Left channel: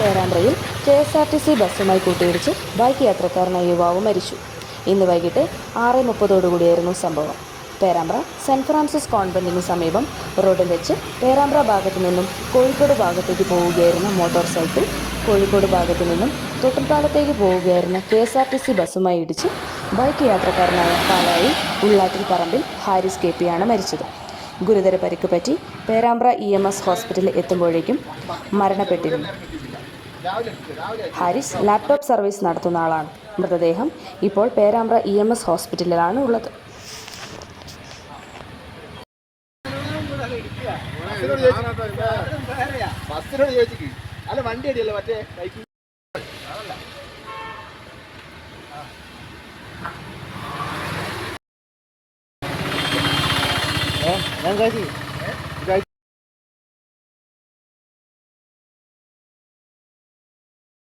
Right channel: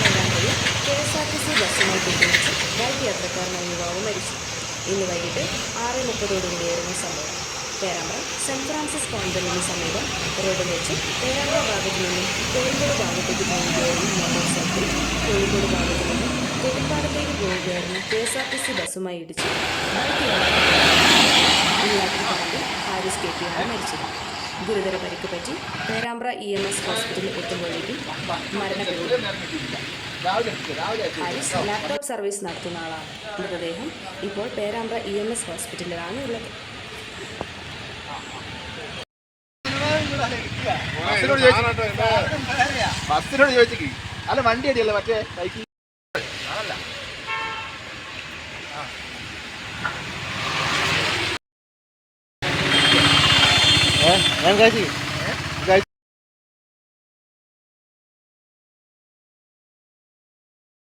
പേരാമ്പ്രയിൽ KSRTC ബസ്സുമായി കൂട്ടിയിടിച്ച് bike യാത്രക്കാരനായ യുവാവ് മരിച്ചു. ഇന്ന് വൈകിട്ട് 6:30 സംഭവം. പേരാമ്പ്ര സെൻറ് ഫ്രാൻസിസ് കോൺവെന്റിന് സമീപം റോഡിൽ വെച്ച് പേരാമ്പ്ര ഭാഗത്തു നിന്നും കോഴിക്കോട് ഭാഗത്തേക്ക് പോവുകയായിരുന്ന മോട്ടോർ സൈക്കിൾ കോഴിക്കോട് ഭാഗത്തു നിന്നും തൊട്ടിൽപ്പാലത്തേക്ക് പോവുകയായിരുന്ന KSRTC ബസ്സുമായി ഇടിച്ച് ബൈക്ക് യാത്രക്കാരനായ പാലായി ഉള്ളാട്ടിൽ പറമ്പിൽ ഹാരിസ് KP ആണ് മരിച്ചത്. ഗുരുതര പരിക്ക് പറ്റി പേരാമ്പ്ര EMS ഹോസ്പിറ്റലിൽ എത്തുമ്പോഴേക്കും മരണപ്പെട്ടിരുന്നു. ഹാരിസ് ലാപ്ടോപ്പ് സർവീസ് നടത്തുന്ന ആളാണ്. മൃതദേഹം ഇപ്പോൾ പേരാമ്പ്ര EMS ഹോസ്പിറ്റലിലാണ് ഉള്ളത്. അല്ല വണ്ടി അടിയല്ലേ മറ്റേ ബൈക്ക് ഞാൻ കാശി